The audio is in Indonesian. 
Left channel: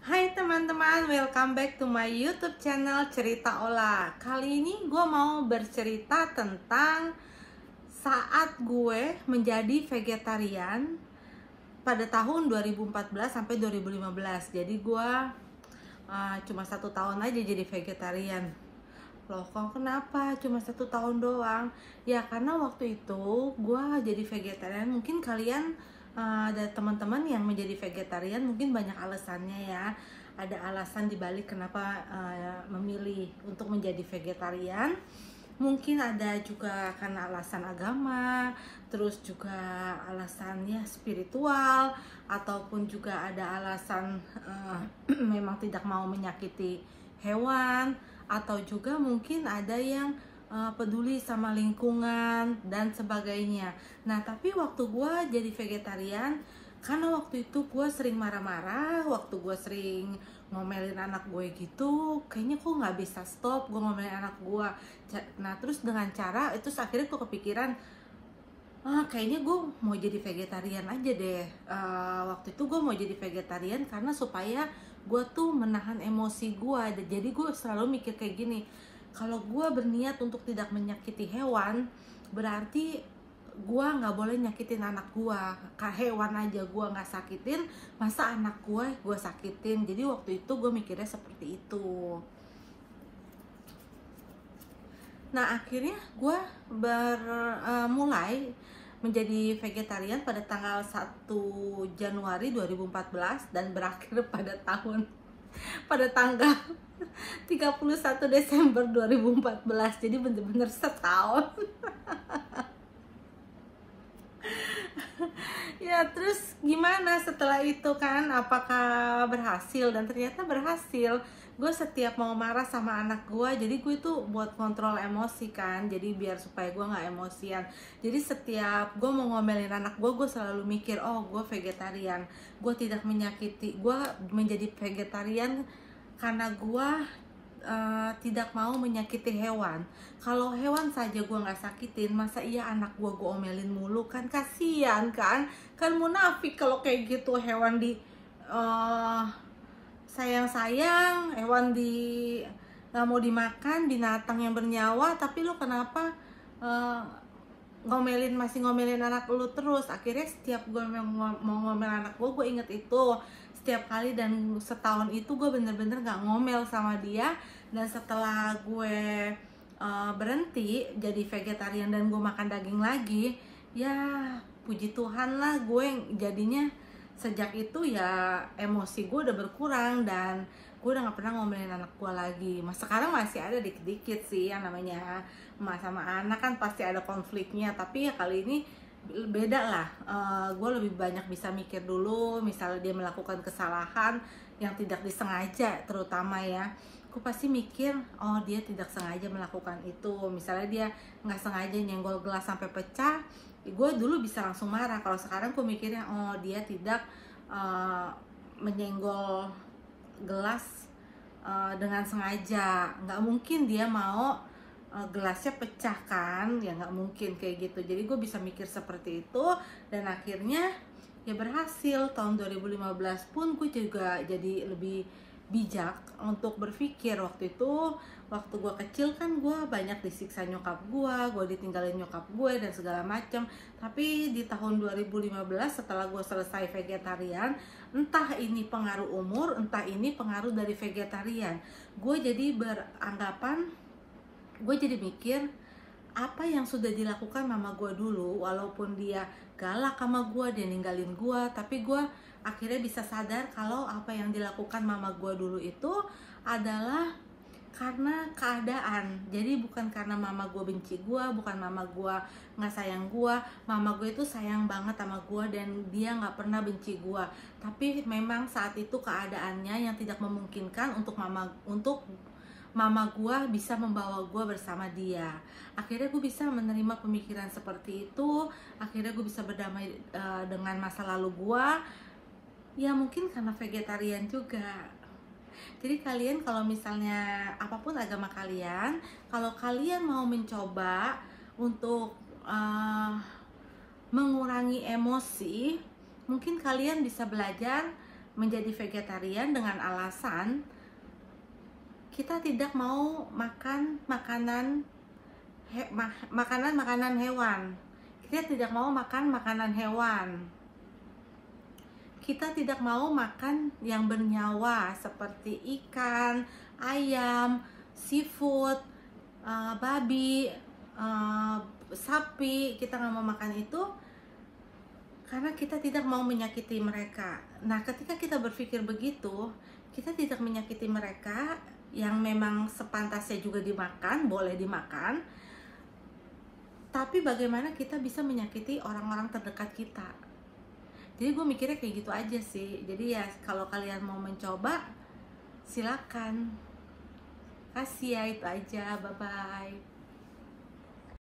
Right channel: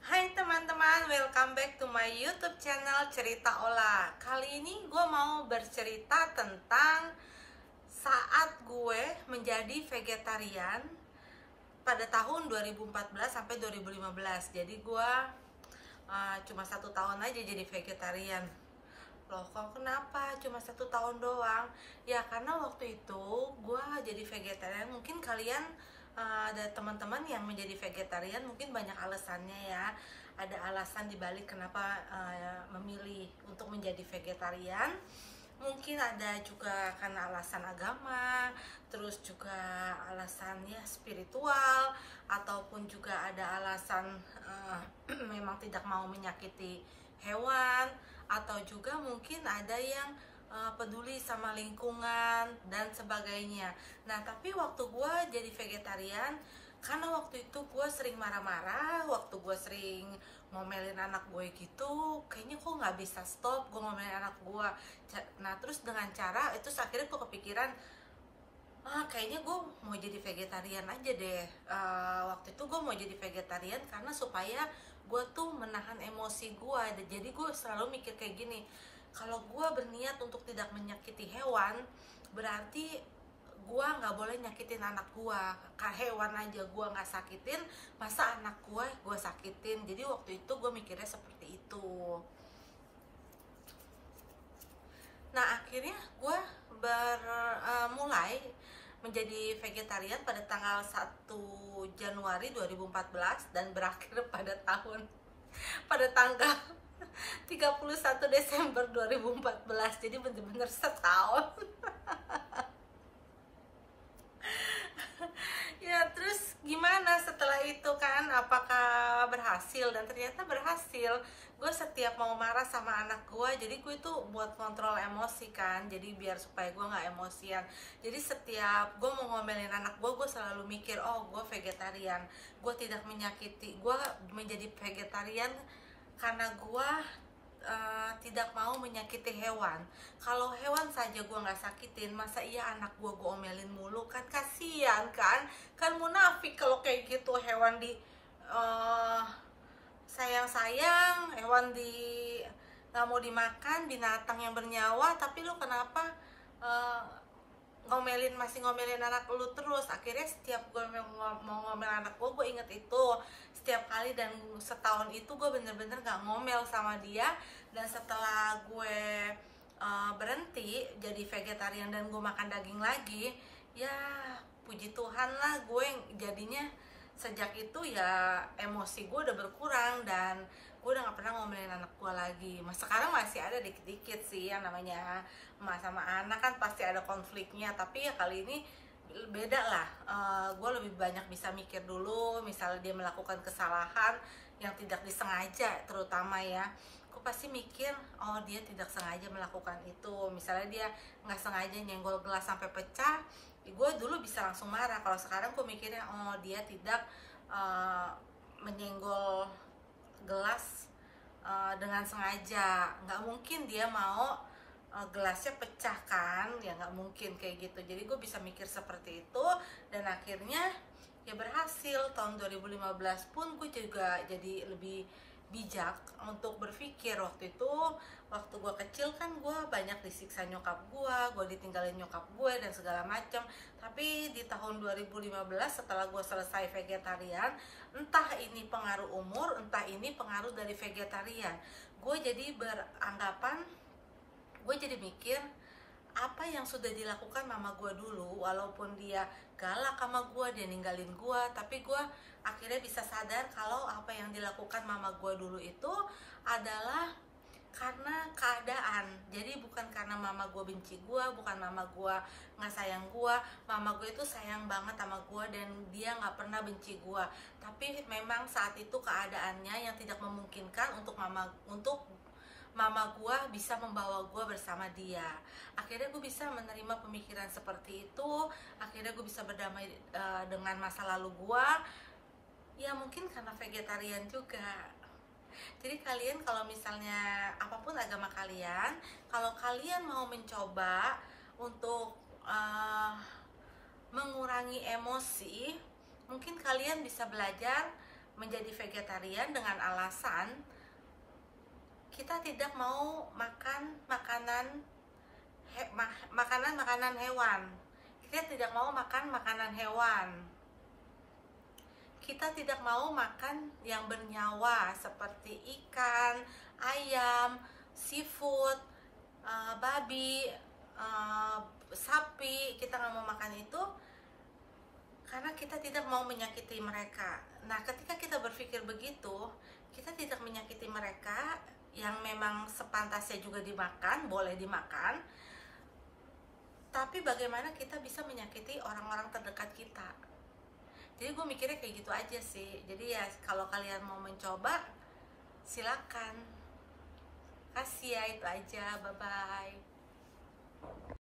Hai teman-teman, welcome back to my YouTube channel Cerita Olah. Kali ini gue mau bercerita tentang saat gue menjadi vegetarian pada tahun 2014 sampai 2015. Jadi gue cuma 1 tahun aja jadi vegetarian. Loh, kok kenapa cuma 1 tahun doang? Ya karena waktu itu gue jadi vegetarian. Mungkin kalian ada teman-teman yang menjadi vegetarian, mungkin banyak alasannya ya. Ada alasan dibalik kenapa memilih untuk menjadi vegetarian. Mungkin ada juga karena alasan agama, terus juga alasannya spiritual, ataupun juga ada alasan memang tidak mau menyakiti hewan, atau juga mungkin ada yang peduli sama lingkungan dan sebagainya. Nah, tapi waktu gue jadi vegetarian, karena waktu itu gue sering marah-marah, waktu gue sering ngomelin anak gue gitu, kayaknya kok nggak bisa stop gue ngomelin anak gue. Nah, terus dengan cara itu akhirnya gue kepikiran, kayaknya gue mau jadi vegetarian aja deh. Waktu itu gue mau jadi vegetarian karena supaya gue tuh menahan emosi gue. Jadi gue selalu mikir kayak gini, kalau gue berniat untuk tidak menyakiti hewan, berarti gue nggak boleh nyakitin anak gue. Hewan aja gue nggak sakitin, masa anak gue sakitin. Jadi waktu itu gue mikirnya seperti itu. Nah, akhirnya gue mulai menjadi vegetarian pada tanggal 1 Januari 2014 dan berakhir pada tanggal 31 Desember 2014. Jadi bener-bener setahun. Ya, terus gimana setelah itu kan? Apakah berhasil? Dan ternyata berhasil. Gue setiap mau marah sama anak gue, jadi gue itu buat kontrol emosi kan. Jadi biar supaya gue nggak emosian. Jadi setiap gue mau ngomelin anak gue selalu mikir, oh gue vegetarian. Gue tidak menyakiti. Gue menjadi vegetarian karena gue tidak mau menyakiti hewan. Kalau hewan saja gue nggak sakitin, masa iya anak gue omelin mulu? Kan kasihan kan munafik kalau kayak gitu. Hewan di sayang-sayang, hewan di nggak mau dimakan, binatang yang bernyawa, tapi lo kenapa masih ngomelin anak lu terus. Akhirnya setiap gue mau ngomel anak gue inget itu setiap kali. Dan setahun itu gue bener-bener gak ngomel sama dia. Dan setelah gue berhenti jadi vegetarian dan gue makan daging lagi, ya puji Tuhan lah, gue jadinya sejak itu ya emosi gue udah berkurang dan gue udah gak pernah ngomelin anak gue lagi. Mas sekarang masih ada dikit-dikit sih, yang namanya emak sama anak kan pasti ada konfliknya, tapi ya kali ini beda lah. Gue lebih banyak bisa mikir dulu, misalnya dia melakukan kesalahan yang tidak disengaja, terutama ya, gue pasti mikir, oh dia tidak sengaja melakukan itu. Misalnya dia nggak sengaja nyenggol gelas sampai pecah, gue dulu bisa langsung marah. Kalau sekarang gue mikirnya, oh dia tidak menyenggol gelas dengan sengaja. Nggak mungkin dia mau gelasnya pecah kan, ya nggak mungkin kayak gitu. Jadi gue bisa mikir seperti itu. Dan akhirnya ya berhasil. Tahun 2015 pun gue juga jadi lebih bijak untuk berpikir. Waktu itu, waktu gue kecil kan gue banyak disiksa nyokap gue ditinggalin nyokap gue dan segala macam. Tapi di tahun 2015 setelah gue selesai vegetarian, entah ini pengaruh umur, entah ini pengaruh dari vegetarian, gue jadi beranggapan, gue jadi mikir, apa yang sudah dilakukan mama gue dulu, walaupun dia galak sama gue, dia ninggalin gue, tapi gue akhirnya bisa sadar kalau apa yang dilakukan mama gue dulu itu adalah karena keadaan. Jadi bukan karena mama gue benci gue, bukan mama gue nggak sayang gue. Mama gue itu sayang banget sama gue dan dia nggak pernah benci gue. Tapi memang saat itu keadaannya yang tidak memungkinkan untuk mama gue bisa membawa gue bersama dia. Akhirnya gue bisa menerima pemikiran seperti itu. Akhirnya gue bisa berdamai dengan masa lalu gue. Ya mungkin karena vegetarian juga. Jadi kalian kalau misalnya apapun agama kalian, kalau kalian mau mencoba untuk mengurangi emosi, mungkin kalian bisa belajar menjadi vegetarian dengan alasan kita tidak mau makan makanan hewan. Kita tidak mau makan makanan hewan. Kita tidak mau makan yang bernyawa seperti ikan, ayam, seafood, babi, sapi. Kita nggak mau makan itu karena kita tidak mau menyakiti mereka. Nah, ketika kita berpikir begitu, kita tidak menyakiti mereka yang memang sepantasnya juga dimakan, boleh dimakan. Tapi bagaimana kita bisa menyakiti orang-orang terdekat kita? Jadi gue mikirnya kayak gitu aja sih. Jadi ya kalau kalian mau mencoba, silakan. Kasih ya, itu aja. Bye-bye.